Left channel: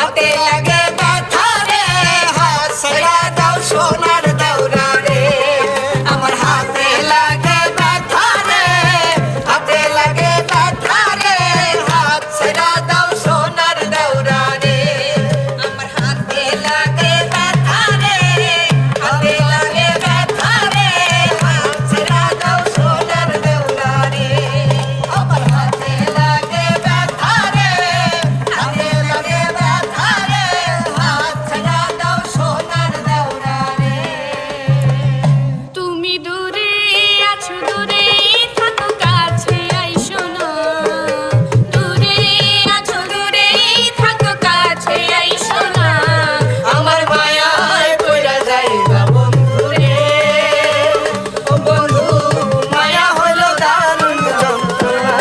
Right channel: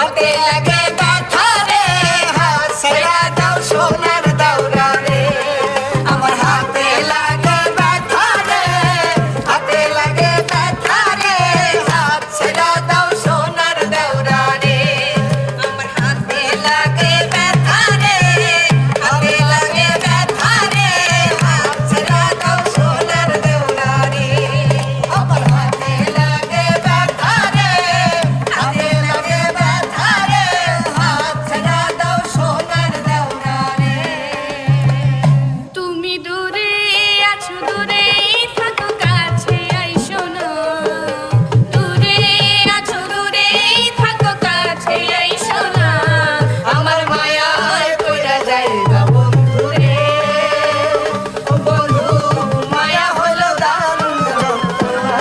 হাতে লাগে ব্যথা রে হাত ছাইড়া দাও সোনার দাওরা রে আমার হাতে লাগে ব্যথা রে হাতে লাগে ব্যথা রে হাত ছাইড়া দাও সোনার দাওরা রে আমার হাতে লাগে ব্যথা রে হাতে লাগে ব্যথা রে হাত ছাইড়া দাও সোনার দাওরা রে আমার হাতে লাগে ব্যথা রে হাতে লাগে ব্যথা রে হাত ছাইড়া দাও সোনার দাওরা রে তুমি দূরে আছো দূরে থাকো কাছে আইসো না দূরে আছো দূরে থাকো কাছে আইসো না আমার মায়ায় পইড়া যাইবা বন্ধু রে ও বন্ধু মায়া হলো দারুণ যন্ত্রণা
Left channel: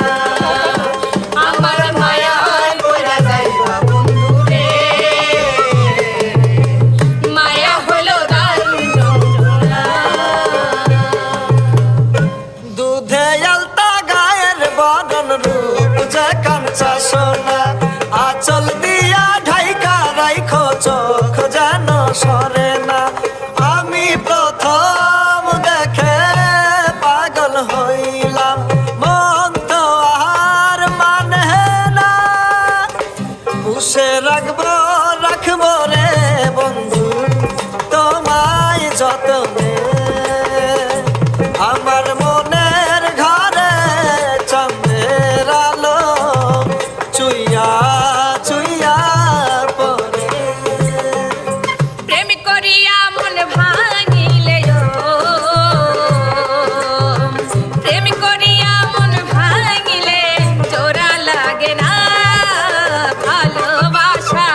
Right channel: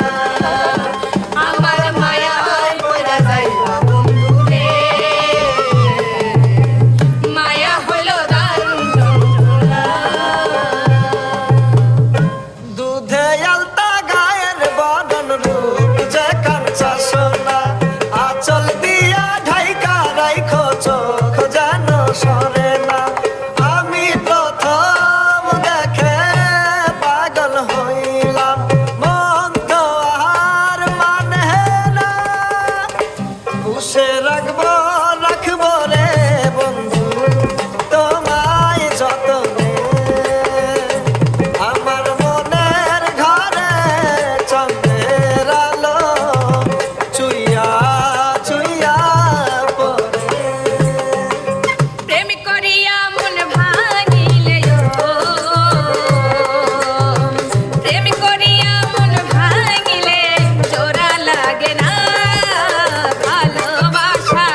আমার মায়ায় পইড়া যাইবা বন্ধু রে মায়া হলো দারুণ যন্ত্রণা দুধে আলতা গায়ের বদন রূপ যে কাঞ্চা সোনা আঁচল দিয়া ঢাইকা রাইখো চোখ যেন সরে না আমি প্রথম দেখে পাগল হইলাম মন তো আর মানে না পুষে রাখবো রাখবো রে বন্ধু তোমায় যতনে আমার মনের ঘরে চাঁদের আলো চুইয়া চুইয়া পড়ে প্রেম করিয়া মন ভাঙিলে প্রেম করিয়া মন ভাঙিলে জোড়া লাগে না ভালোবাসা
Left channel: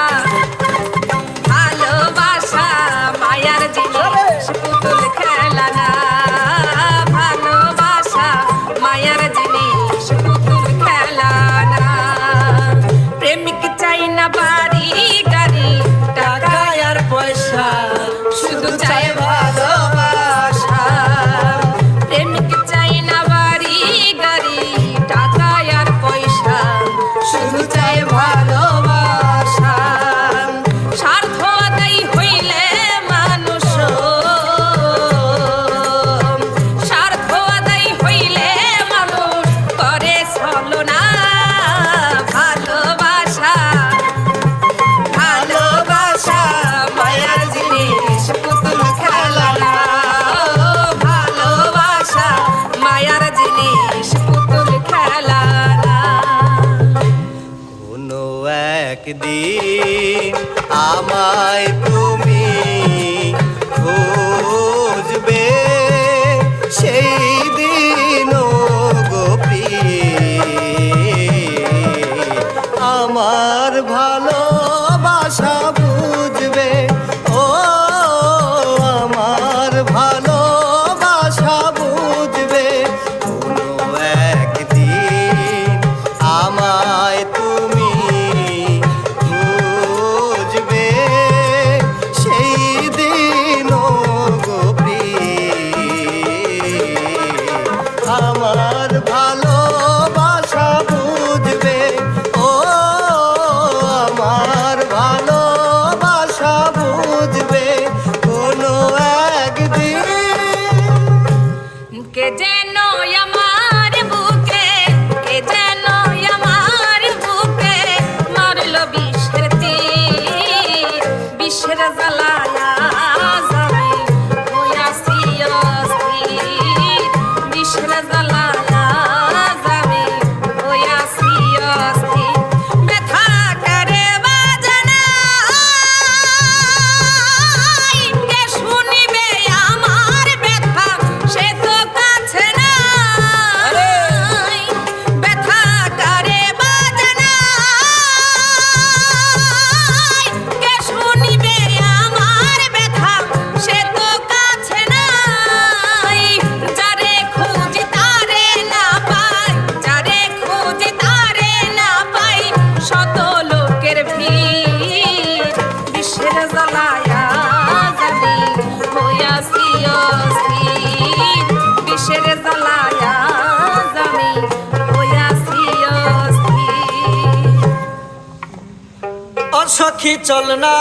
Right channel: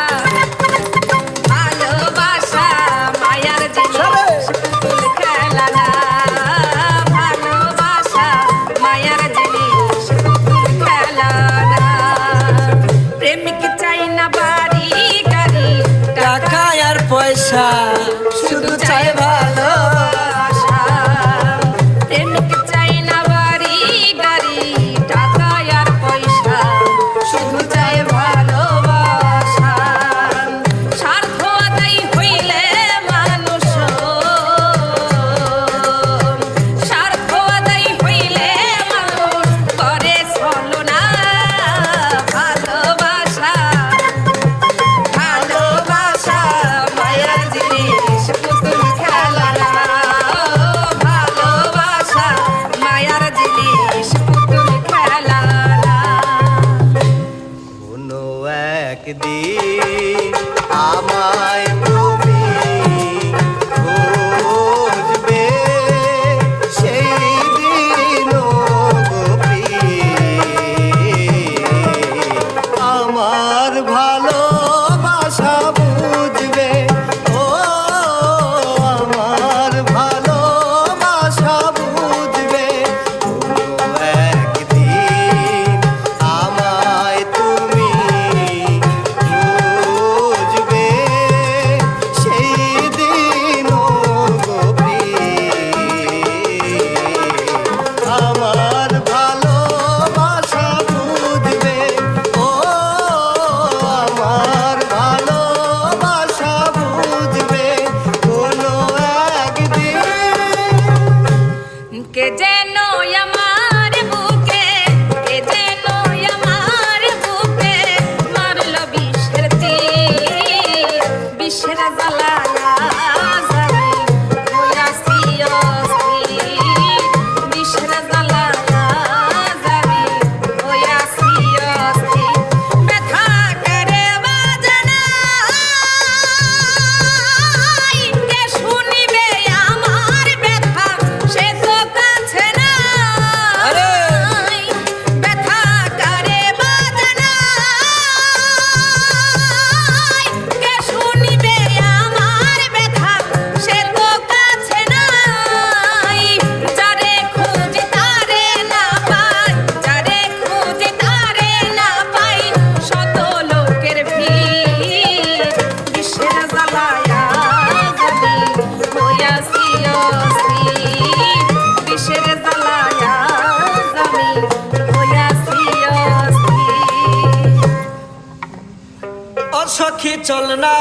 চল না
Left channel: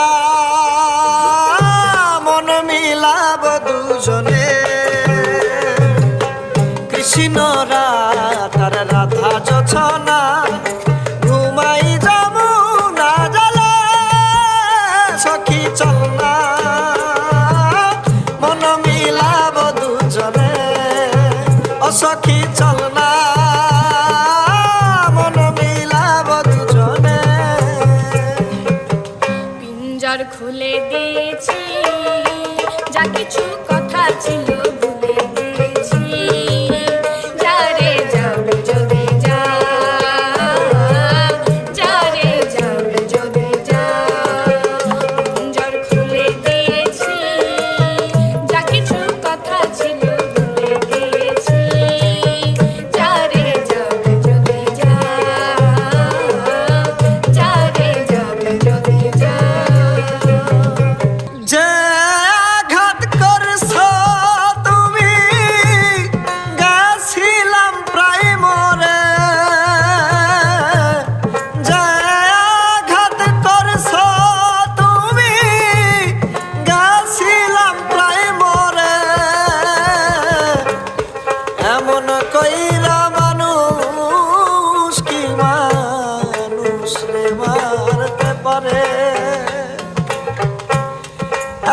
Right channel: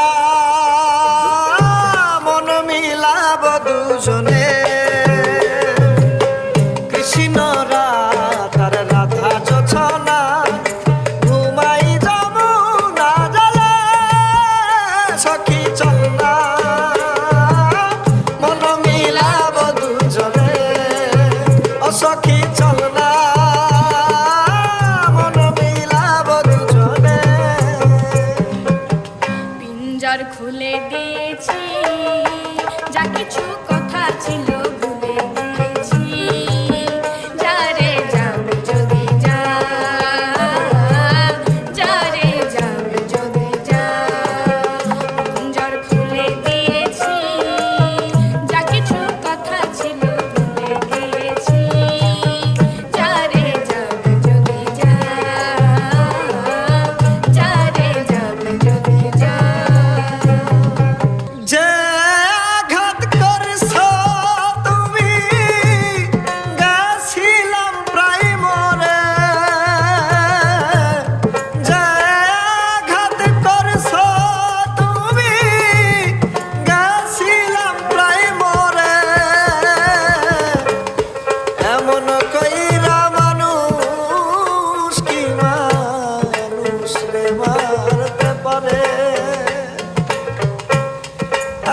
মন মিলাব দুজনে কৃষ্ণ রাধার রাধা যোছনা ঘুমাই যমুনা জলে সখী চল না মন মিলাব দুজনে ও সখী চল না মন মিলাব দুজনে পিঞ্জর খুলে দিয়েছি যা কিছু কথা ছিল ভুলে গেছি যারে যাবে যদি যা যারে যাবে যদি যা পিঞ্জর খুলে দিয়েছি যা কিছু কথা ছিল ভুলে গেছি যারে যাবে যদি যা যারে যাবে যদি যা যে আঘাত করছ তুমি গেছিলাম প্রায় মরে যে আঘাত করছ তুমি গেছিলাম প্রায় মরে এমন কইরা মানুষ কি মানুষ রে মারতে পারে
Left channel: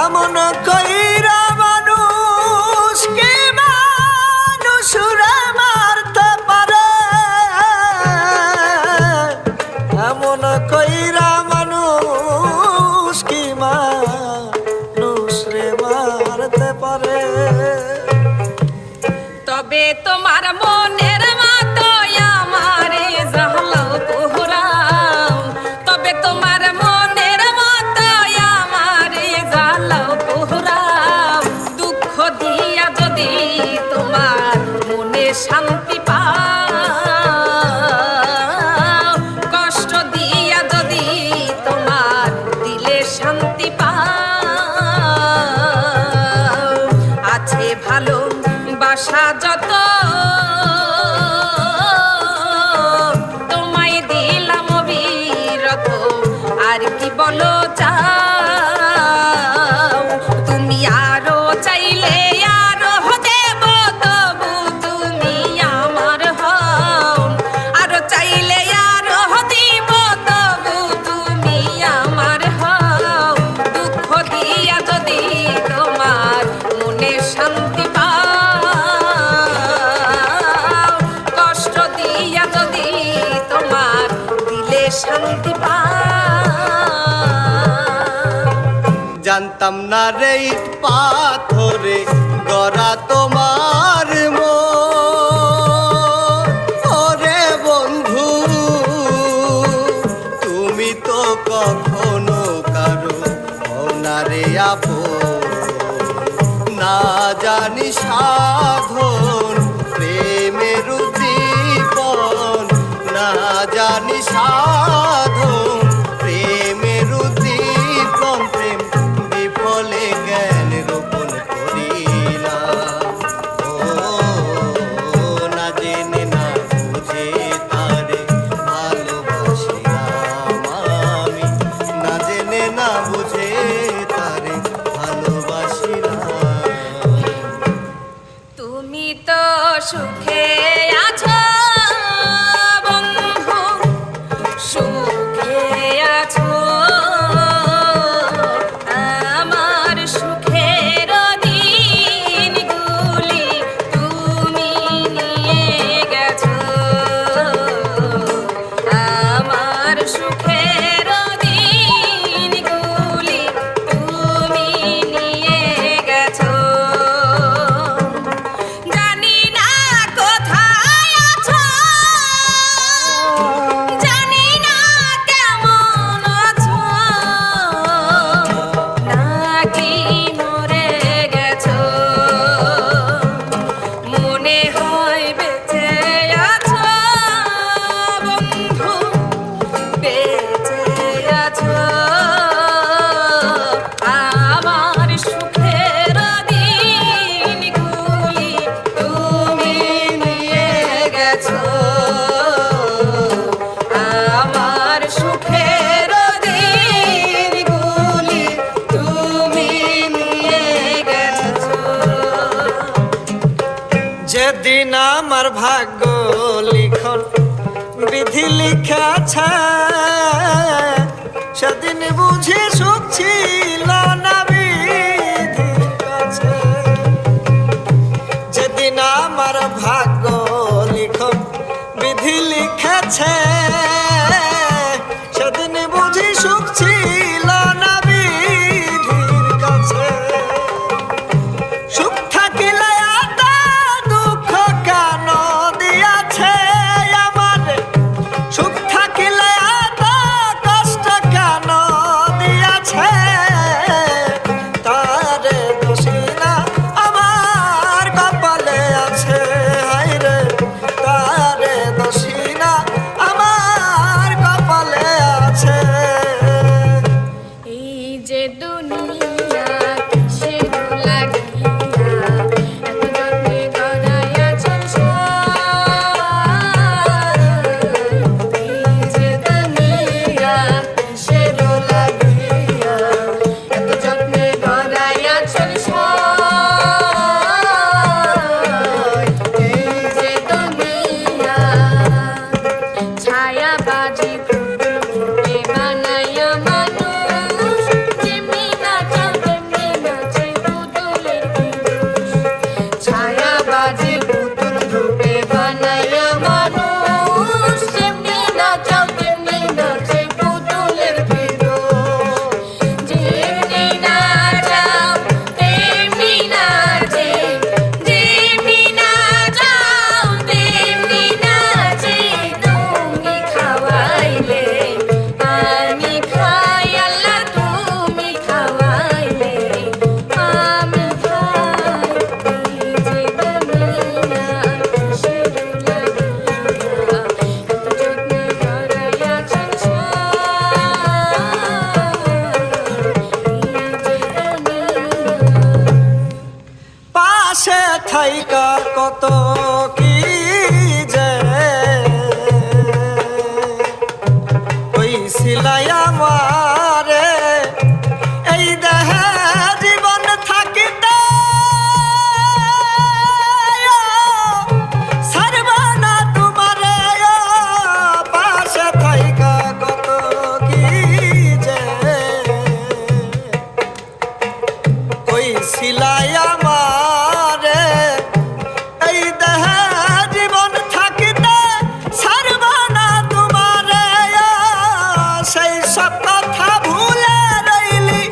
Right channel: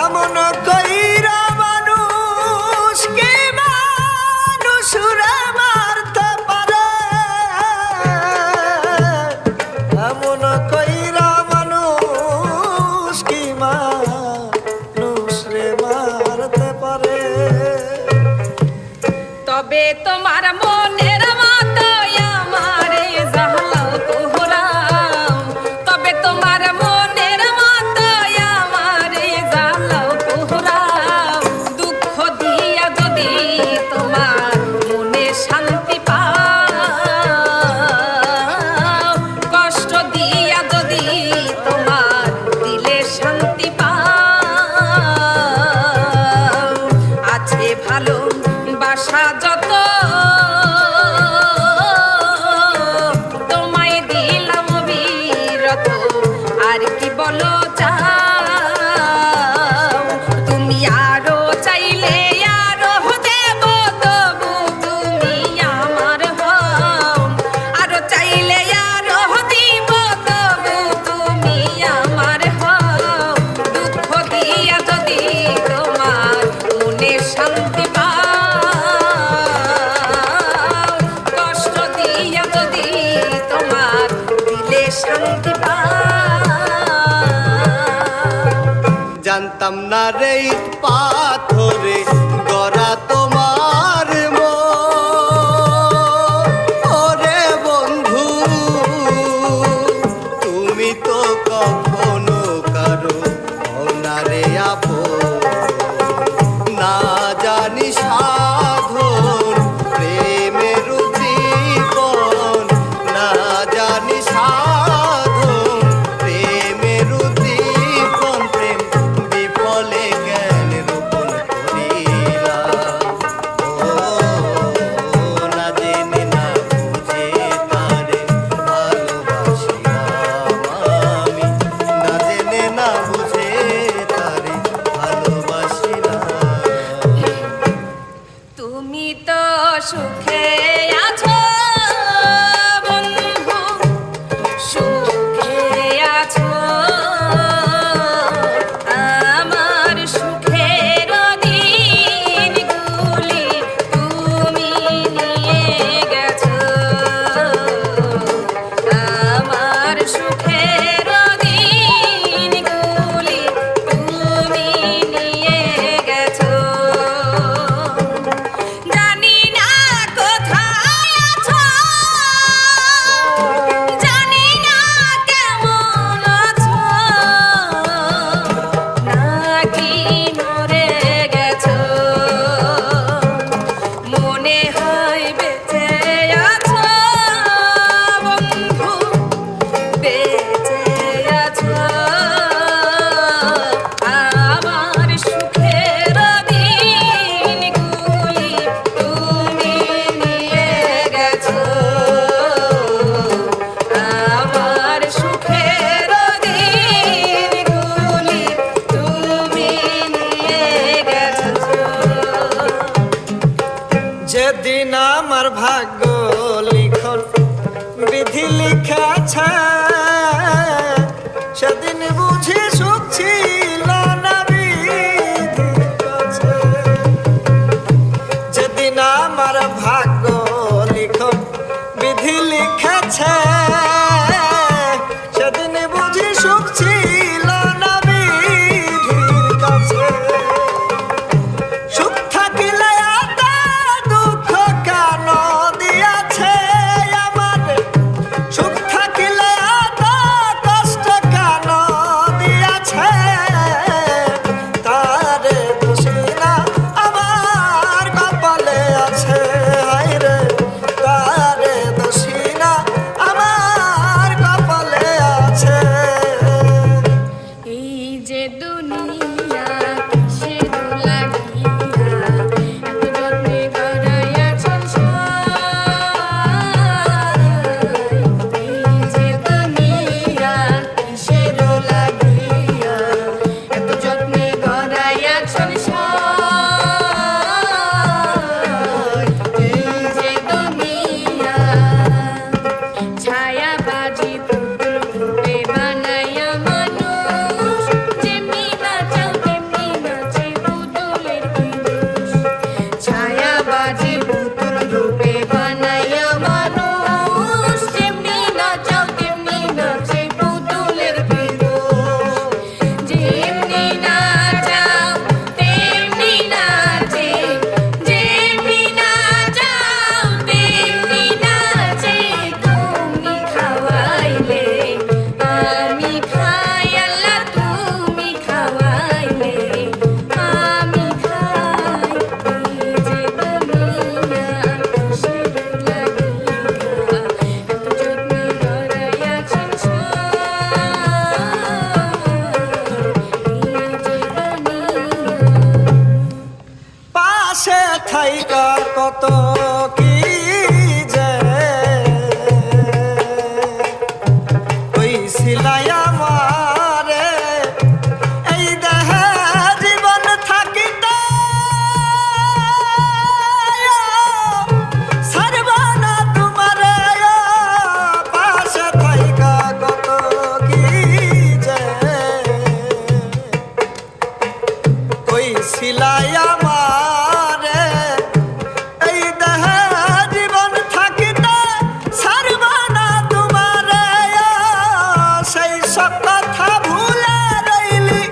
এমন কইরা মানুষ কে মানুষ রে মারতে পারে এমন কইরা মানুষ কি মানুষ রে মারতে পারে তবে তোমার মনের মতো আমারে জাহলো কোহরাম তবে তোমার মনের মতো আমারে জাহলো কোহরাম দুঃখ দিয়া যদি তোমার মনে শান্তি পাও কষ্ট দিয়া যদি তোমার দিলে শান্তি পাও আছে ভালো বাসা যত তোমায় দিলাম অবিরত আর কি বলো চাও তুমি আরো চাইলে আরো দেব তবু তুমি আমার হও আরো চাইলে আরো দিব তবু তুমি আমার হও দুঃখ দিয়া যদি তোমার মনে শান্তি পাও কষ্ট দিয়া যদি তোমার দিলে শান্তি পাও জানতাম না রে ইট পাথরে গড়া তোমার মন ওরে বন্ধু তুমি তো কখনো কারো হও না রে আপন না জানি সাধন প্রেমের উদ্দীপন না জানি সাধন প্রেমের উদ্দীপন প্রেম বিফলে জ্ঞান রোপণ করিলাম ও না জেনে না বুঝে তারে ভালোবাসিলাম আমি না ভাগ্য লিখন বিধি লিখেছে, সেদিন বুঝি সুখ ছিল না বিধির কাছে। যেদিন আমার ভাগ্য লিখন বিধি লিখেছে, সেদিন বুঝি সুখ ছিল না বিধির কাছে। সুখ থাকিলে এত দুঃখ কেন দিয়াছে আমার, সুখ থাকিলে এত কষ্ট কেন দিয়াছে। তারে দোষী না আমার কপালে আছে, হায়রে তারে দোষী না আমার কপালে আছে। এই যে দুনিয়া সে লাগিয়া যত্নে গড়াইয়াছেন এই যে দুনিয়া সে লাগিয়া এত যত্নে গড়াইয়াছেন এই যে দুনিয়া ছায়া বাজি পুতুলে বানাইয়া মানুষ, যেমনি নাচাও তেমনি নাচে পুতুলের কি দোষ। ছায়া বাজি পুতুল রূপে বানাইয়া মানুষ, যেমনি নাচাও তেমনি নাচে পুতুলের কি দোষ। যেমনি নাচাও তেমনি নাচে, যেমনি নাচাও তেমনি নাচে। তুমি খাওয়াইলে আমি খাই, আল্লাহ তুমি খাওয়াইলে আমি খাই। এই যে দুনিয়া সে লাগিয়া এত যত্নে গড়াইয়াছেন এই যে দুনিয়া। পাশে থাইকা কত কি যে কইছিলাই আমারে, এই দেহে জীবন থাকিতে ছাড়ব না তোমারে। পাশে থাইকা কত কি যে কইছিলাই আমারে, এই দেহে জীবন থাকিতে ছাড়ব না তোমারে। সেই সব কথা ভুলে রইলি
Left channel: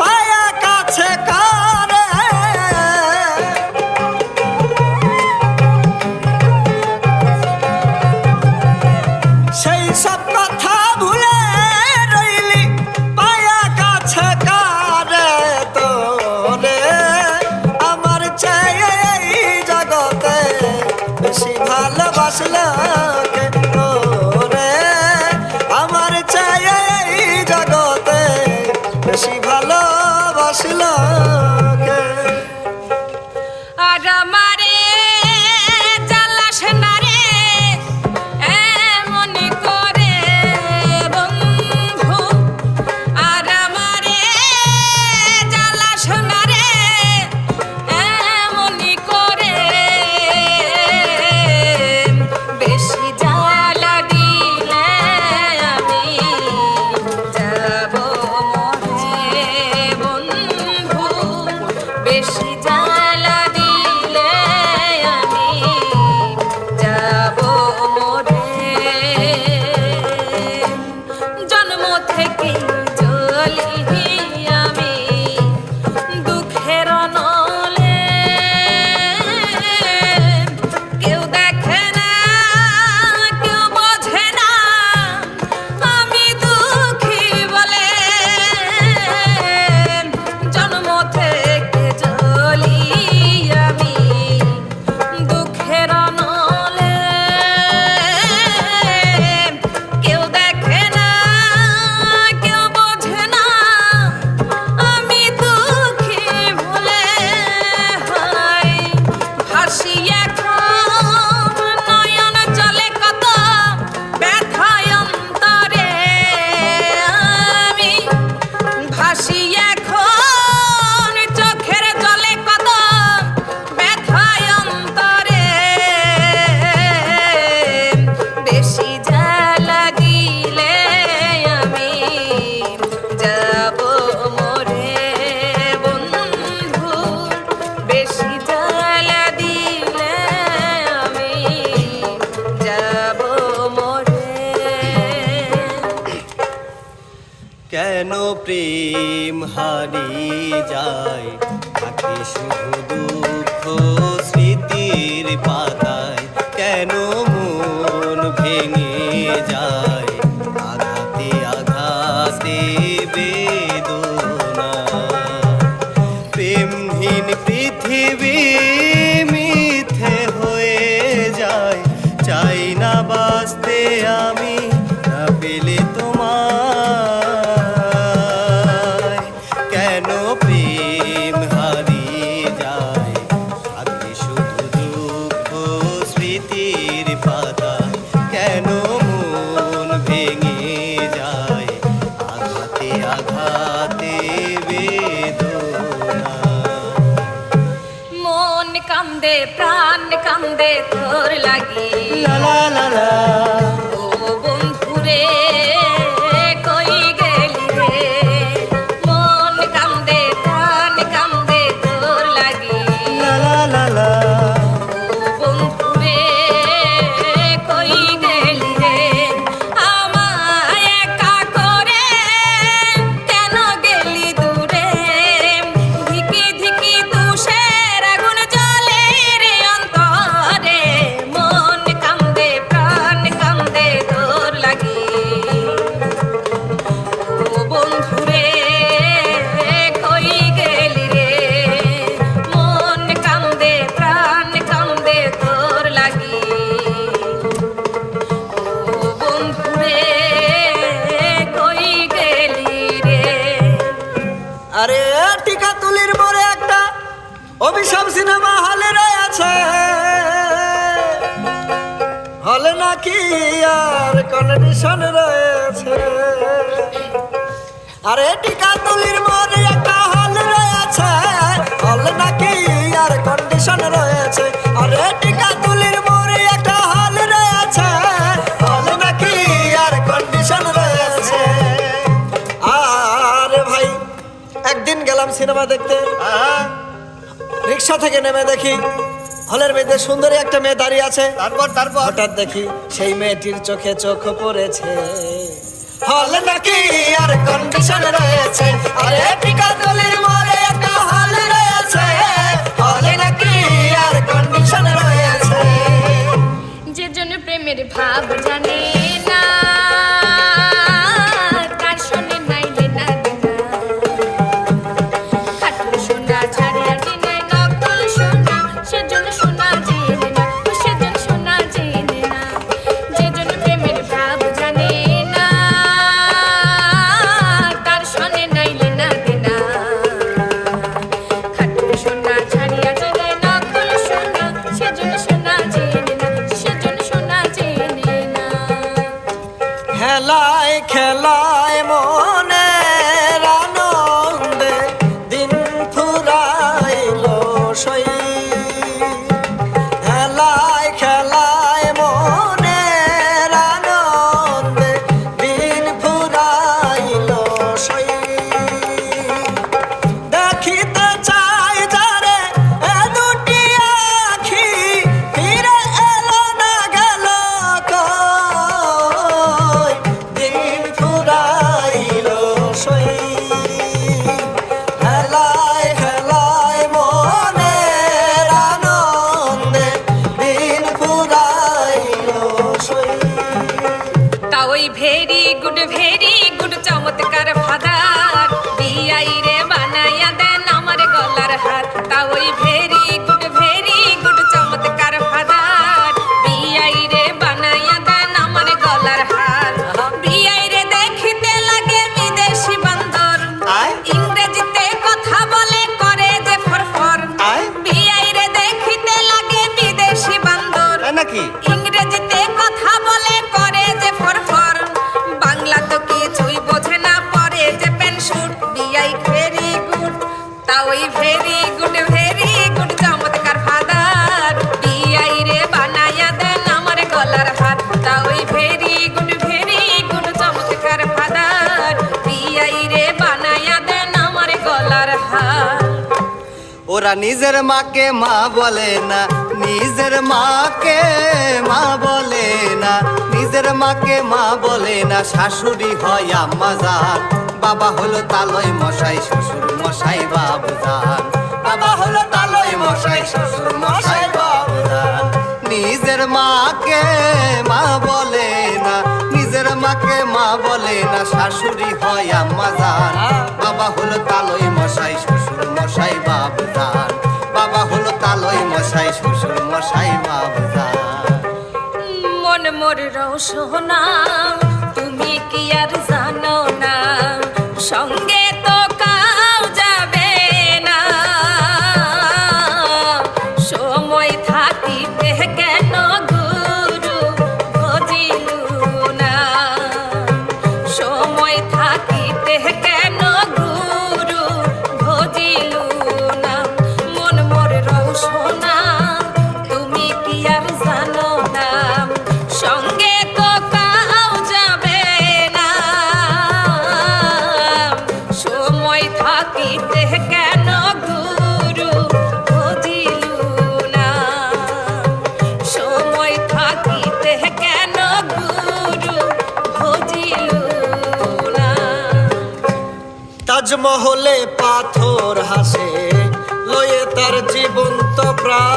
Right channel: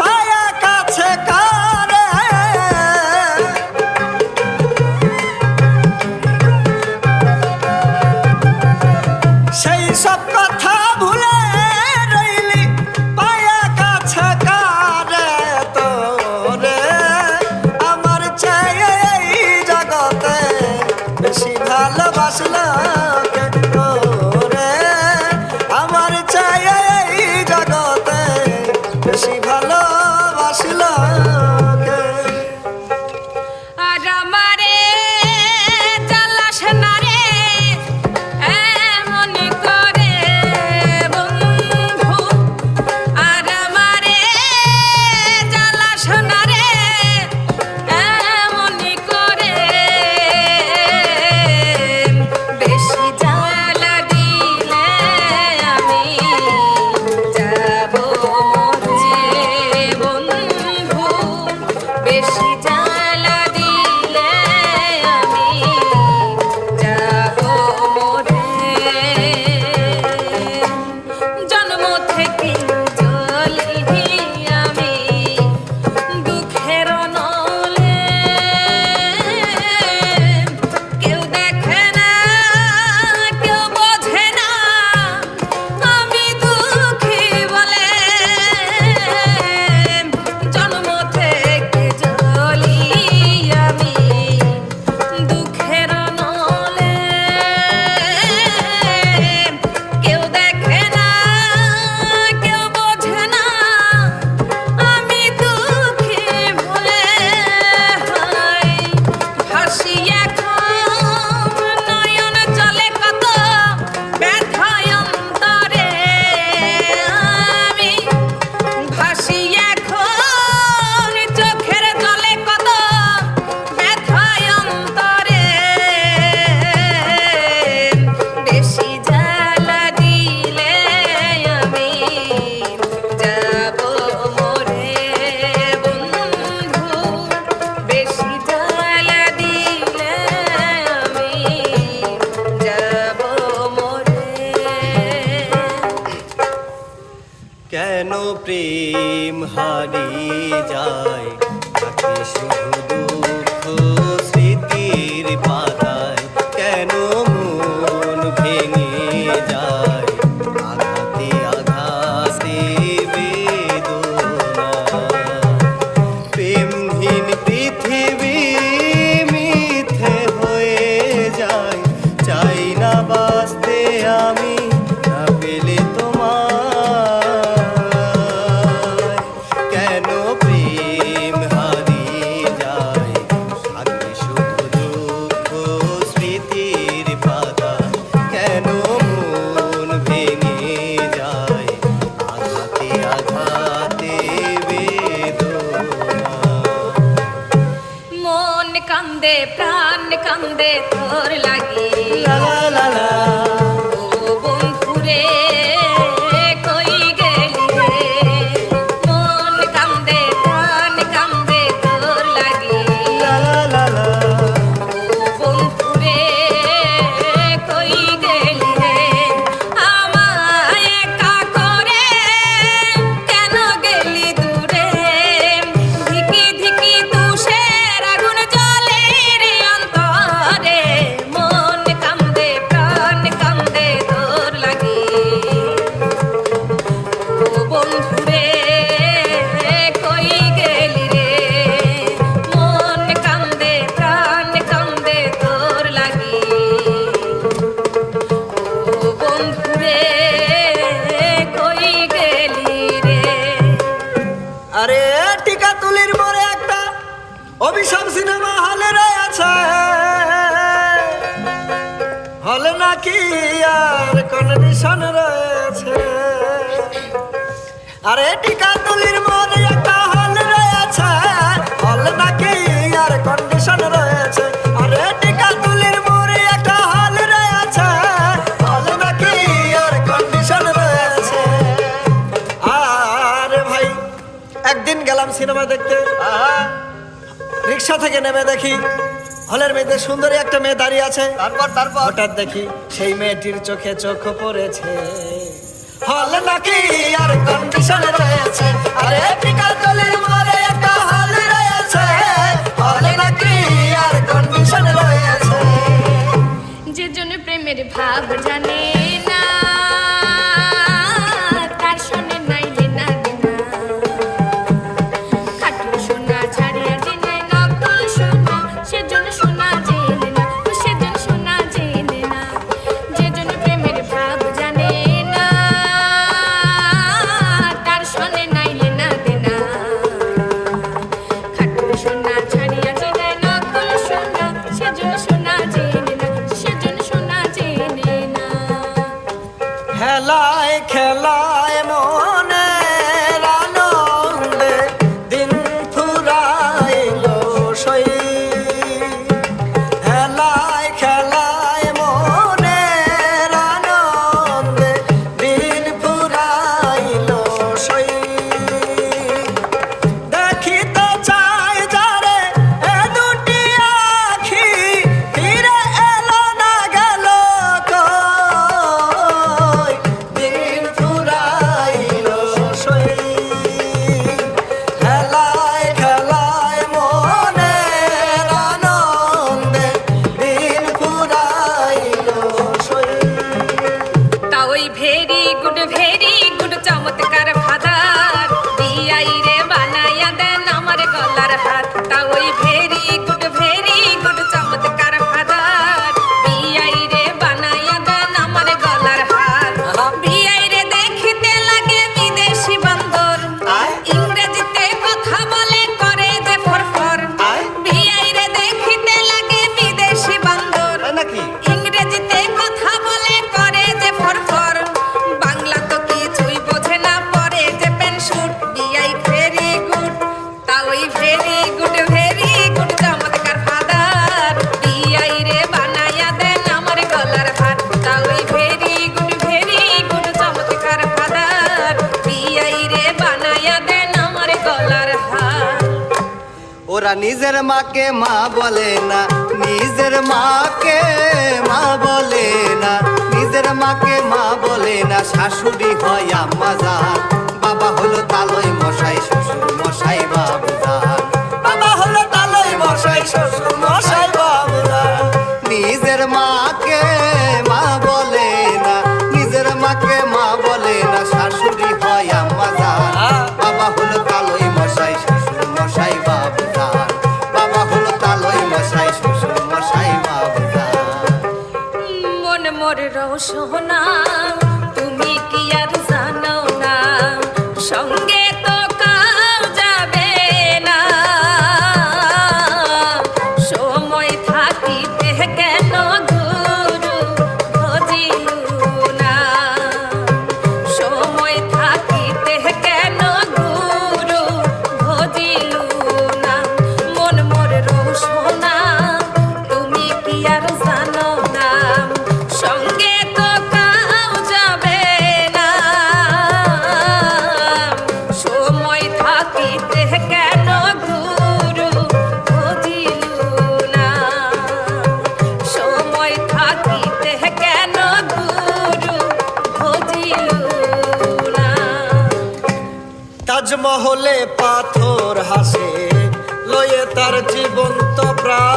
পায়া কাছে কারে। সেই সব কথা ভুলে রইলি পায়া কাছে কারে। তোরে আমার চেয়ে এই জগতে বেশি ভালোবাসলো কে, তোরে আমার চেয়ে এই জগতে বেশি ভালোবাসলো কে। আর আমারে জ্বালাস না রে এমন করে বন্ধু, আর আমারে জ্বালাস না রে এমন করে। বেশি জ্বালা দিলে আমি যাব মরে। কেন প্রেম হারিয়ে যায় থাকে শুধু দুঃখ স্মৃতির পাতায়, কেন মন ভেঙে যায় আঘাতে আঘাতে বেদনা। প্রেমহীন পৃথিবী মিথ্যে হয়ে যায়, চাই না বাঁচতে আমি না পেলে তোমায়। কেন প্রেম হারিয়ে যায় থাকে শুধু দুঃখ স্মৃতির পাতা, কেন মন ভেঙে যায় আঘাতে আঘাতে বেদনা। মন কান্দে প্রাণ কান্দে তোর লাগি, লা লা লা লা। ও বন্ধুরে কই গেলি রে। মন কান্দে প্রাণ কান্দে তোর লাগি, লা লা লা লা। ও বন্ধুরে কই গেলি রে। আমায় একা করে কেন গেলি দূরে। ধিকি ধিকি তুষের আগুন জ্বলে রে অন্তরে। মন কান্দে প্রাণ কান্দে তোর লাগি, ও বন্ধুরে কই গেলি রে। মন কান্দে প্রাণ কান্দে তোর লাগি, ও বন্ধুরে কই গেলি রে। আরে টিকা তুলির মোড়ে একটা অভিশাপ সিনেমা হলে রয়েছে, হলে নাকি আর কন্ডিশন রয়েছে। আরে টিকা তুলির মোড়ে একটা হল রয়েছে, হলে নাকি আর কন্ডিশন রয়েছে। আরে টিকা তুলির মোড়ে একটা হল রয়েছে, হলে নাকি আর কন্ডিশন রয়েছে। আরে ভাই একদিন গেলাম সিনেমা দেখতে, রিক্সা থেকে নেমে দেখি হলের মধ্যে সুন্দরী একটা মেয়ে দাঁড়িয়ে আছে। তারপর হঠাৎ দেখি সেই মেয়েটির চোখে চোখ পড়েছে, হল নাকি আর কন্ডিশন রয়েছে। আরে টিকা তুলির মোড়ে একটা হল রয়েছে, হলে নাকি আর কন্ডিশন রয়েছে। যে জন প্রেমের ভাব জানে না, তার শোনে নাইলে না দিনা। খাটুন সোনা ছাড়িয়া দিনে নকল সোনা, সেজন সোনা জেনে না, সেজন সোনা জেনে না। যে জন প্রেমের ভাব জানে না, তার শোনে নাইলে না দিনা। খাটুন সোনা ছাড়িয়া দিনে নকল সোনা, সেজন সোনা জেনে না, সেজন সোনা জেনে না। খেলায় খেলায় মনের আনন্দে দিন ফুরাইলো সই। খেলায় খেলায় মনের আনন্দে দিন ফুরাইলো সই। দেখিতে চাই যারে এ দুটি আখি, ফিরে এলো না গেল কই। দিন ফুরাইলো সই। খেলায় খেলায় মনের আনন্দে দিন ফুরাইলো সই। তা ওই ভেরি গুড চমৎকার ফাদার, বিয়াই রে বানাইয়া দেন আমার গলার হাত। তা ওই ভেরি গুড চমৎকার ফাদার, বিয়াই রে বানাইয়া দেন আমার গলার হাত। বিয়াই রে দেখিতে লাগে বিদেশি বান্দর, ইংরেজিতে কথা বলে করে যে ফরফর। বিয়াই রে দেখিতে লাগে বিদেশি বান্দর, নাকি ইংরেজিতে কথা বলে করে যে ফরফর। বাংলা তো কিছুই বোঝে না, পরে যে পেনশুট। বিয়াই ভেরি গুড, তা ওই ভেরি গুড চমৎকার ফাদার, বিয়াই রে বানাইয়া দেন আমার গলার হাত। তা ওই ভেরি গুড চমৎকার ফাদার, বিয়াই রে বানাইয়া দেন আমার গলার হাত। ওরা নিজের মাকে মা বলে না, নিজের মাকে মা বলে না, নিজের মাকে মা বলে না। শাশুড়ি হয় আম্মা জান, বাবা থাকিতে কেন গুরু বুঝিলু না, সময় থাকিতে কেন গুরু বুঝিলু না। তাজমহলে পাথর হাসে লয়ে তার জীবন্ত প্রাণ,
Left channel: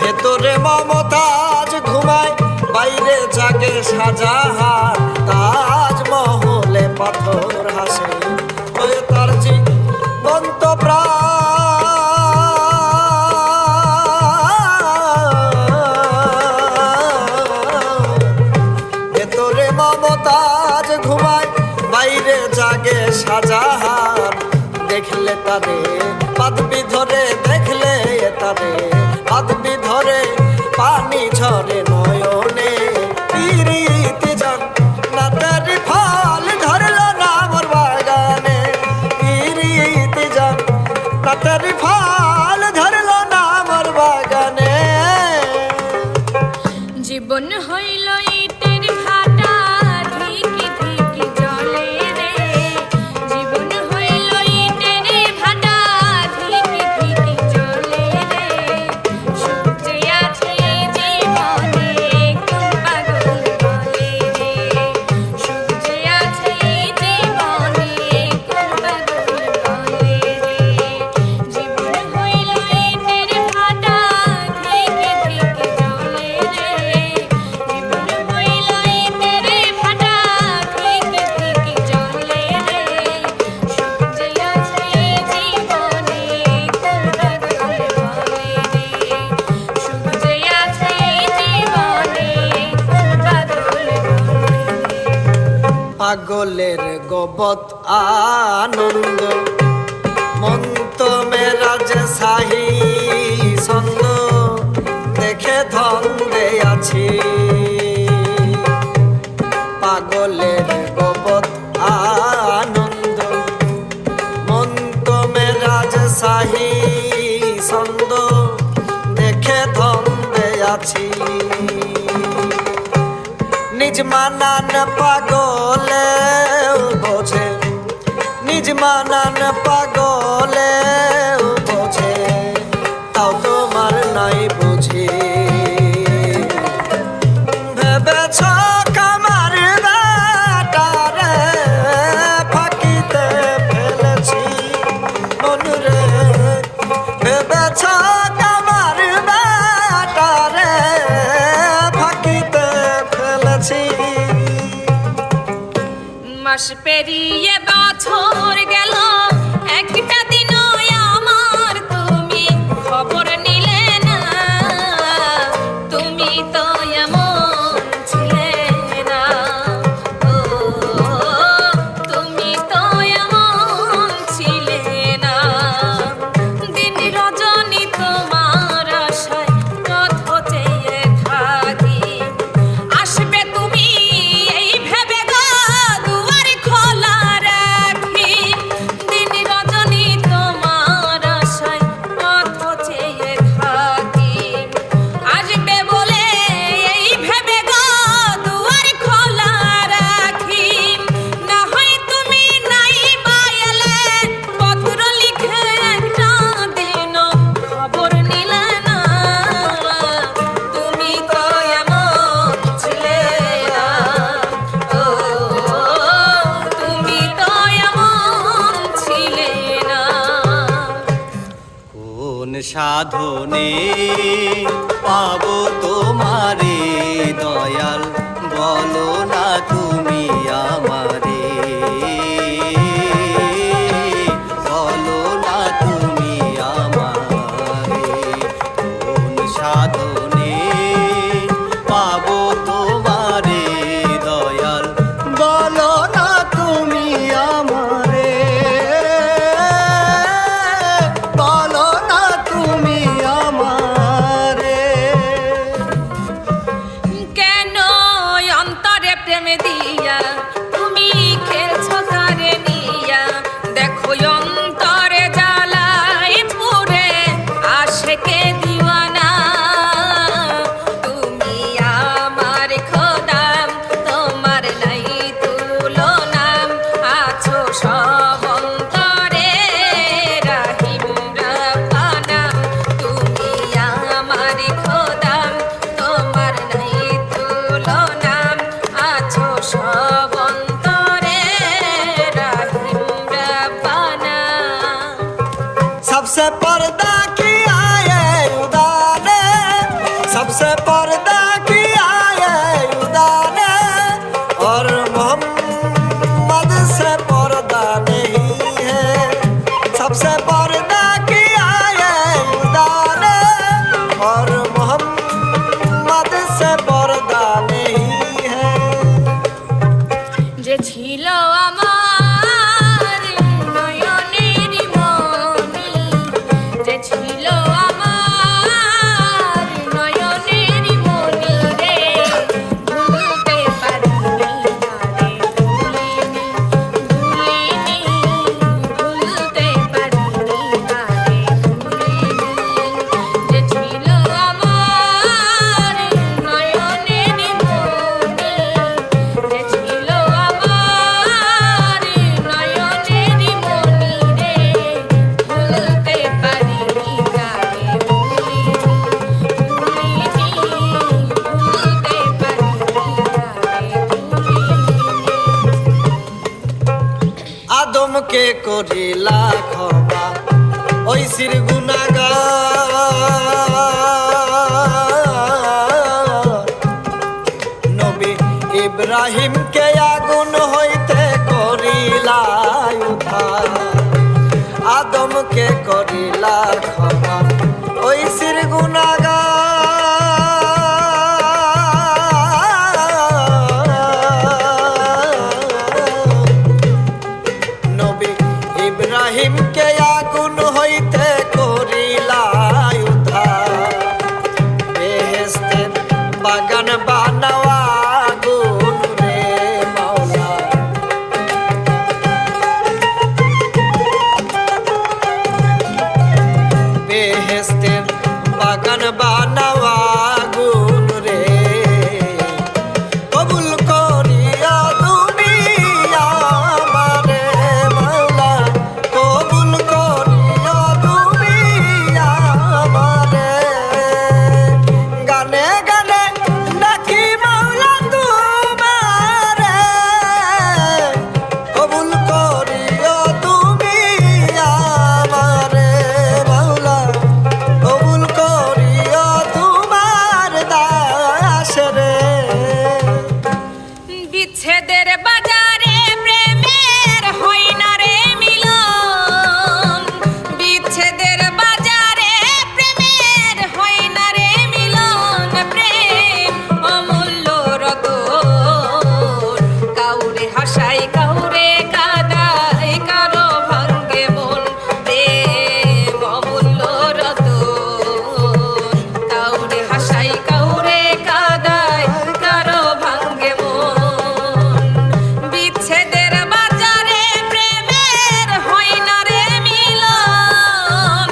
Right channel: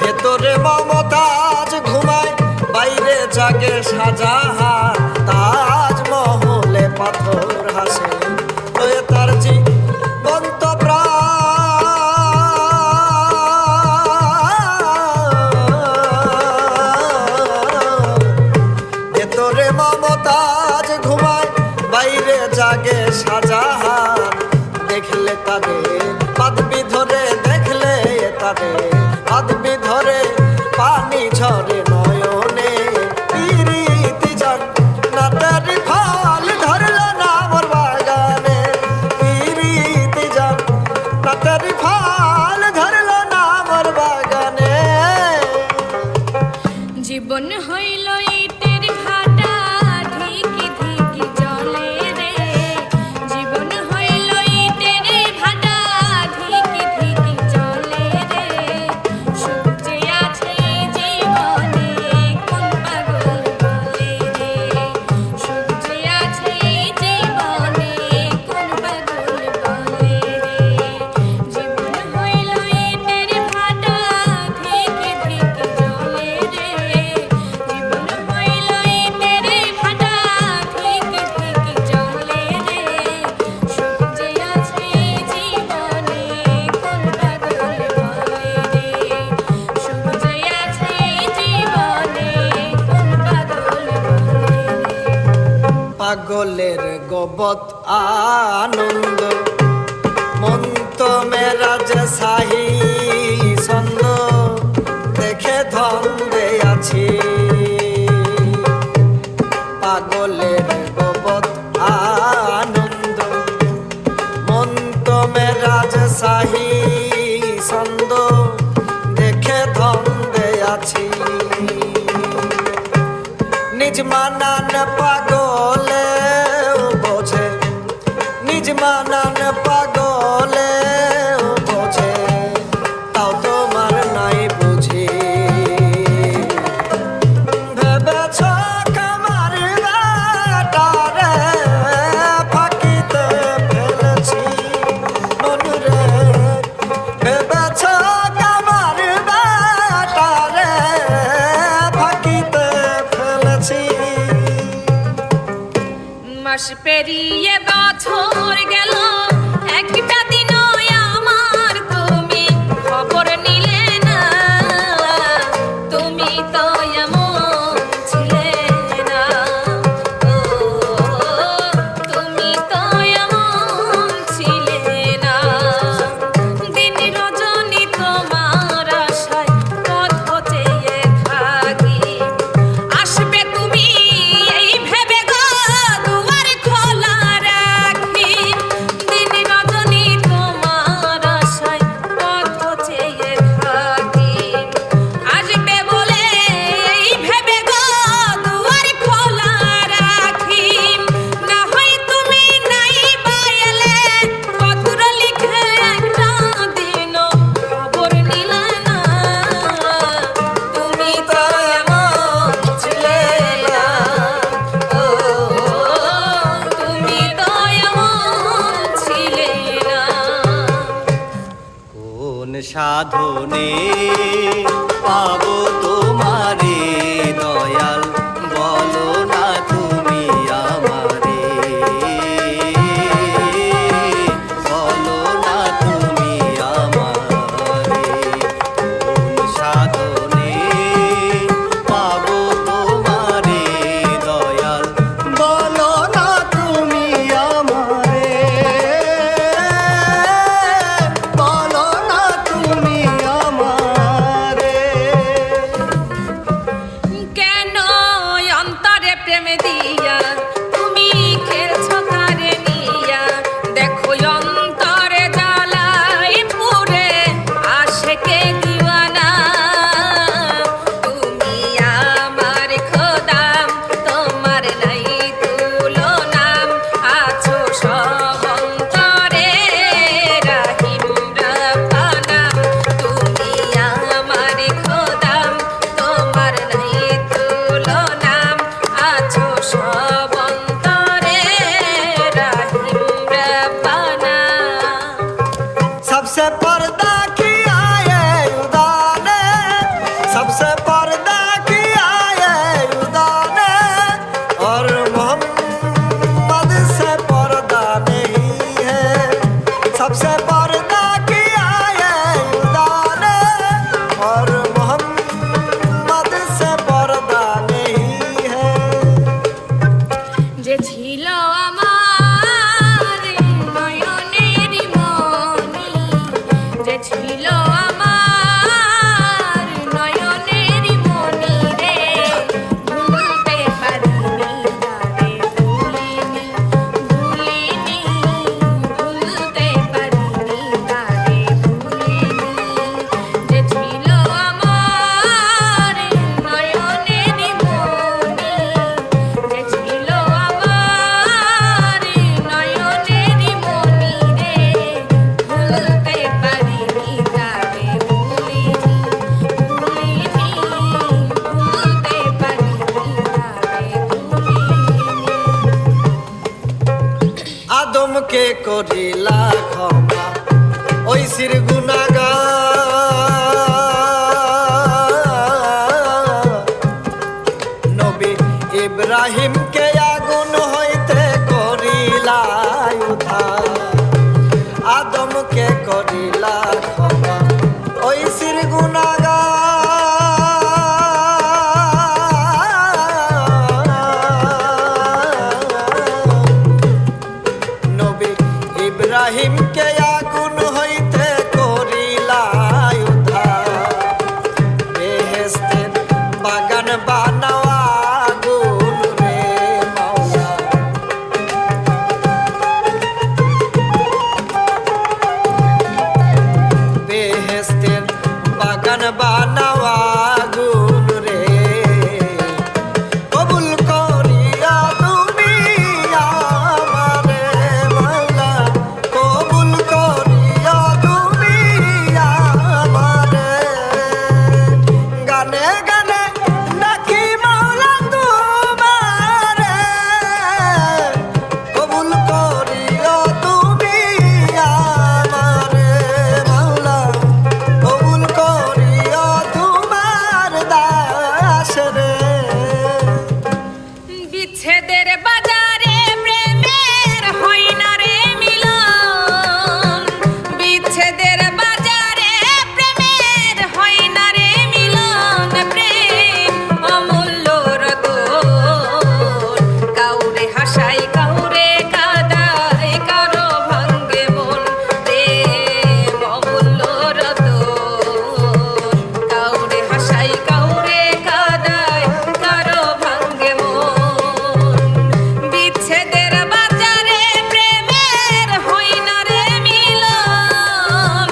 ভেতরে মমতাজ ঘুমায় বাইরে জাগে শাহজাহান। তাজমহলে পাথর হাসে লয়ে তার জীবন্ত প্রাণ, ভেতরে মমতাজ ঘুমায় বাইরে জাগে শাহজাহান। দেখলে তাদের পাদবি ধরে, দেখলে তাদের পাদবি ধরে পানি ঝরে নয়নে। পিরিতি জান না তার ফল ধরলো না মোর বাগানে, পিরিতি জান না তার ফল ধরলো না মোর বাগানে। জীবন হইল ইটের ভাটা ধিকি ধিকি জলে রে, জীবন হইল ইটের ভাটা ধিকি ধিকি জলে রে। সূর্যে আছে জীবনে কোন পাগল বলে রে, সূর্যে আছে জীবনে কোন পাগল বলে রে। জীবন হইল ইটের ভাটা ধিকি ধিকি জলে রে, জীবন হইল ইটের ভাটা ধিকি ধিকি জলে রে। সূর্যে আছে জীবনে কোন পাগল বলে রে, সূর্যে আছে জীবনে কোন পাগল বলে রে। পাগলের গোবত আনন্দ মন তো মেরা যে সাহি ছন্দ, দেখে ধন্দে আছি। পাগলের গোবত আনন্দ মন তো মেরা যে সাহি ছন্দ, দেখে ধন্দে আছি। নিজ মানান পাগলে বোঝে, নিজ মানান পাগলে বোঝে, তাও তোমার নাই বুঝি। ভেবেছ কামার বেটারে ফাঁকিতে ফেলেছি মন রে, ভেবেছ কামার বেটারে ফাঁকিতে ফেলেছি। মাস পেরিয়ে বছর গেল, একটা দিনও আমার তুমি খবর নিলে না, তুমি তো এমন ছিলে না, ও তুমি তো এমন ছিলে না। দিন রজনী তোমার আশায় পথ চেয়ে থাকি, আসবে তুমি এই ভেবে গো দুয়ার খোলা রাখি। দিন রজনী তোমার আশায় পথ চেয়ে থাকি, আসবে বলে এই ভেবে গো দুয়ার খোলা রাখি। না হয় তুমি নাই বা এলে, পত্র লিখে একটা দিনও খবর নিলে না, তুমি তো এমন ছিলে না, ও তুমি তো এমন ছিলে না। কোন সাধনে পাবো তোমারে দয়াল, বলো না তুমি আমারে, বলো না তুমি আমারে। কোন সাধনে পাবো তোমারে দয়াল, বলো না তুমি আমারে, বলো না তুমি আমারে। যে ছিল আমার নয়নের মনি, যে ছিল আমার নয়নের মনি রে, ভুলতে পারিনি তারে, ভুলিনি ভুলিনি, ভুলতে পারিনি তারে, ভুলিনি, যে ছিল আমার নয়নের মনি, যে ছিল আমার নয়নের মনি রে, ভুলতে পারিনি তারে, ভুলিনি ভুলিনি, ভুলতে পারিনি তারে, ভুলিনি। আদমকে করিলা ক্ষমা ওই সির গুনাহগার, নবী ইব্রাহিমকে আগুন হইতে করিলা উদ্ধার। আদমকে করিলা ক্ষমা ওই সির গুনাহগার, নবী ইব্রাহিমকে আগুন হইতে করিলা উদ্ধার। বেহেশতের বাগান বানাও আগুন রে মাওলা, বেহেশতের বাগান বানাও আগুন রে, কবুল করিয়া তুমি আমারে মাওলা, কবুল করিয়া তুমি আমারে। গানে গানে নাকি মাওলা তোমারে, কবুল করিয়া তুমি আমারে মাওলা, কবুল করিয়া তোমার দাস রে। বিচ্ছেদের বাজারে প্রেমের হয় না রে মিলন, বিচ্ছেদের বাজারে প্রেমের হয় না রে মিলন, প্রেম অমূল্য রতন, কাউরে হাসাই কাউরে কাঁদাই, কারো ভাঙ্গে মন, প্রেম অমূল্য রতন, কাউরে হাসাই কাউরে কাঁদাই, কারো ভাঙ্গে মন। বিচ্ছেদের বাজারে প্রেমের হয় না রে মিলন,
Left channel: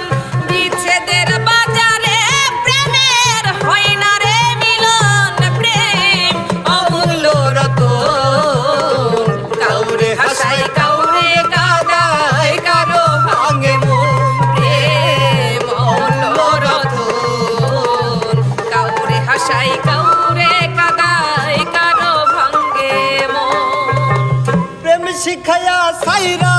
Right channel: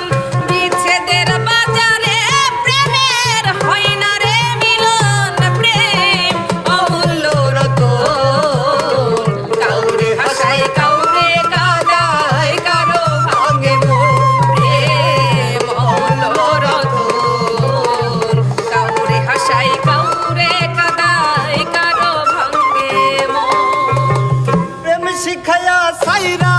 বিচ্ছেদের বাজারে প্রেমের হয় না রে মিলন, প্রেম অমূল্য রতন, কাউরে হাসাই কাউরে কাঁদাই, কারো ভাঙ্গে মন, প্রেম অমূল্য রতন, কাউরে হাসাই কাউরে কাঁদাই, কারো ভাঙ্গে মন। প্রেম শিখায়া সাইরা